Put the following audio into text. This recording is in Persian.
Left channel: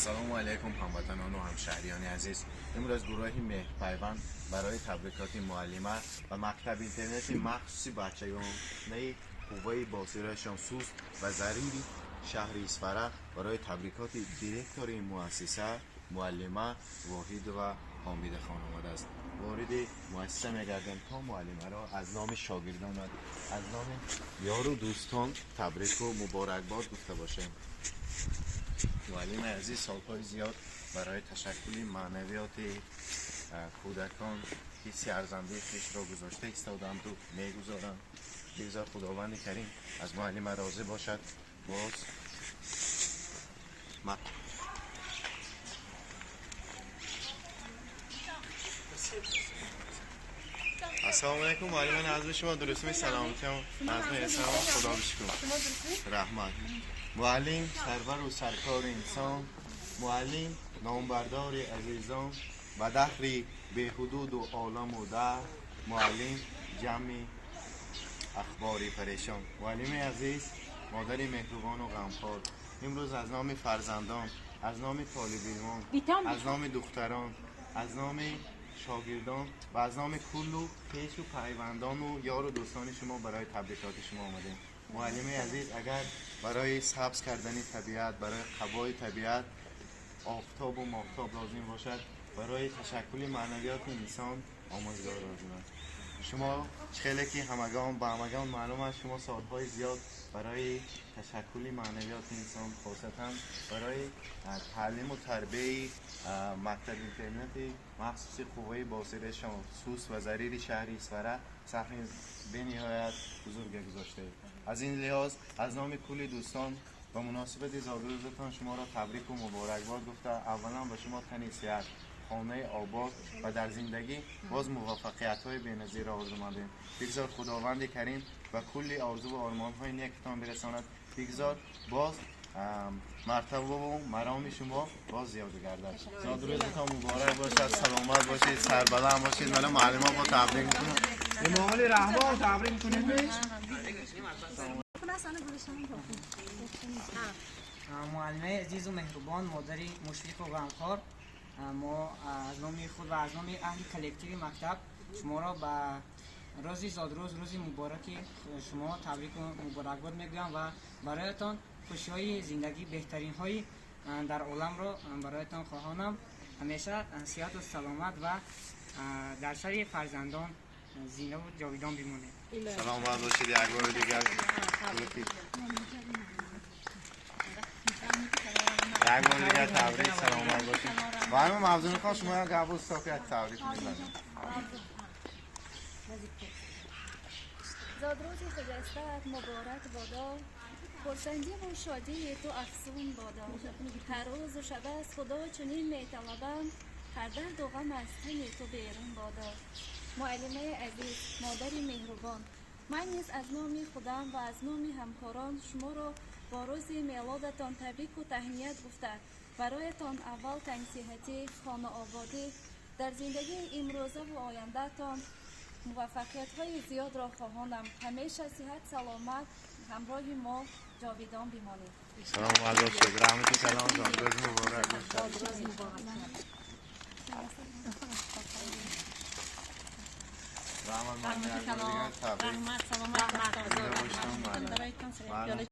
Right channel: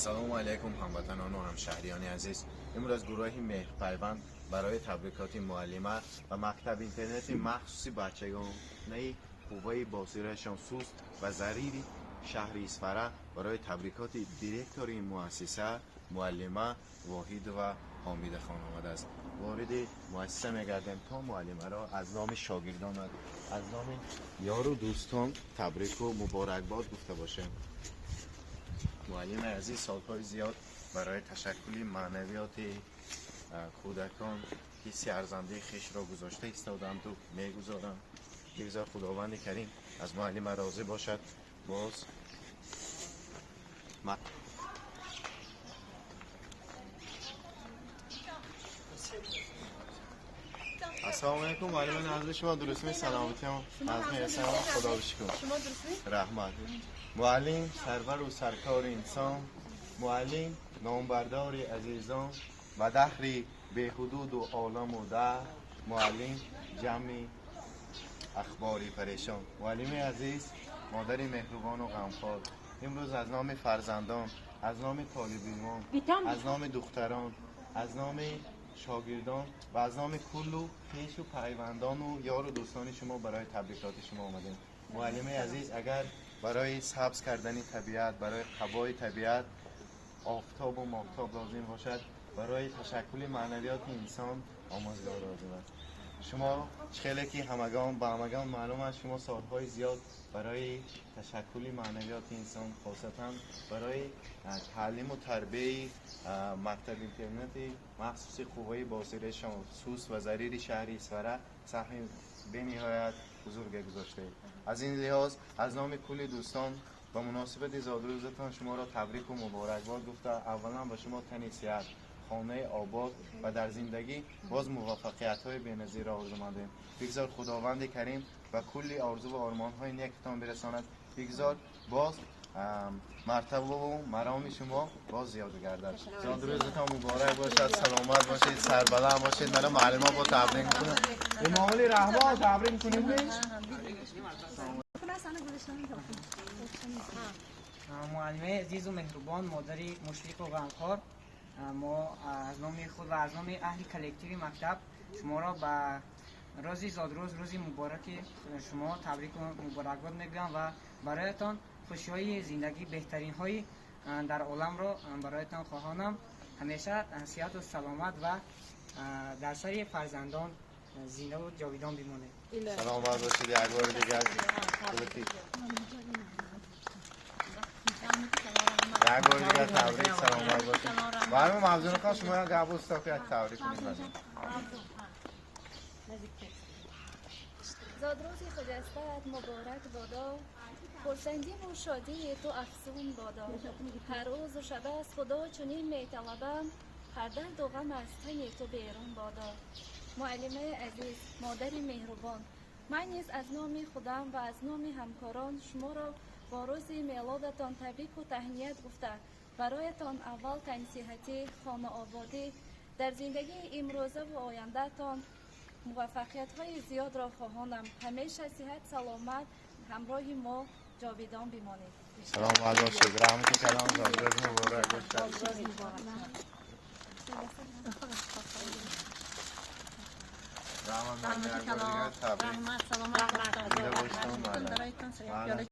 سلام علیکم هموطنان و همشهریان عزیز. امروز از گروه مهرپیوند برای تبریکات معلمه و مکتب اینترنت مخصوصی بچگان نه قوه بازیرشان سوست و ضریری شهر اسفره برای تبریکات دیرکتور این مؤسسه معلمه واحد و حامد خان آمده است. وارد مؤسسه میگردم تا معلمه را از نام شاگردان و از نام یار و دوستان تبریک و مبارکباد گفته باشیم. معلم عزیز سالهای زیاد برای تشکل معنویات کودکان حسی ارزنده خویش را گذاشته ایستادند و میگذارند. بگذار خداوند کریم از معلم راضی باشد. باز السلام علیکم معلم نازل شما درست می سلامتی هم خدا بشکن رحمت. معلم سرور و سرکار انسان، معلم نامبردار عزیزان و دهری به حدود و عالم و ده، معلم جمع اخباری پریشان. معلم عزیز، مادر مهربان و غمخوار، امروز از نام فرزندان، از نام طالبان، از نام دختران، از نام شاگردان و از نام کل و پیش و پیوندان و یار و دوستان شما برای تبریکات شما آمدیم. معلم عزیز، اگر برای سبز کردن طبیعت، برای قبای طبیعت آفتاب و ماهتاب لازم باشد، برای تشکل معنویات انسان آموزگار لازم است. شما خیلی که همگان با همگان معلوم است شما سالهای زیاد برای تشکل معنویات انسان خاصتا برای تعلیم و تربیه مکتب اینترنت مخصوص قوه بازیرشان سوست و ضریر شهر اسفره سهم به نهایت بزرگ گذاشته. از این لحاظ از نام کل دوستان با مناسبت زادروزتان شما را تبریک و مبارکباد گفته اولا با شما تن صحت، خانه آباد و در زندگی باز موفقیت های بی‌نظیر آرزو مندیم. بگذار خداوند کریم و کلی آرزو و آرمان های نیکتان برساند. بگذار باز مرتبه و مرام شما باز زیاد گردد. زادروزتان مبارک باشد، سلامت باشید، سربلند باشید. من معلمان با تبریک میکنم. به معامل رحمان تبریک کنید. معلمه عزیز و مهربان، مادری مشفق و غمخوار، ما از نام خود و از نام اهل کلکتیو مکتب شما را به روز زادروز، روز مبارک شما تبریک و مبارکباد میگویم و برایتان خوشی های زندگی، بهترین های در عالم را برایتان خواهانم. همیشه صحت و سلامت و در سر فرزندان زنده و جاویدان بمانید. سلامت باشید. یک بار دیگر تبریک، سلامت باشید. و همین موضوع میخوام شما قبول که تبریک میکنم. زادروز خجستت مبارک بادا، خرسندی و شادی تو افزون بادا. هر روز و شب از خدا چنین میطلبم، هر درد و غم از تن تو بیرون بادا. معلمه عزیز، مادر مهربان، من نیز از نام خودم و از نام همکاران شما را با روز میلادتان تبریک و تهنیت گفته برایتان اول تن صحتی، خانه آبادی در زندگی امروزه و آینده تان موفقیت های زیاد را خواهانم. همیشه صحت سلامت همراه ما جاویدان بمانید. سلام علیکم. رحمت سلام زادروز مبارک باشد. رحمت سلامت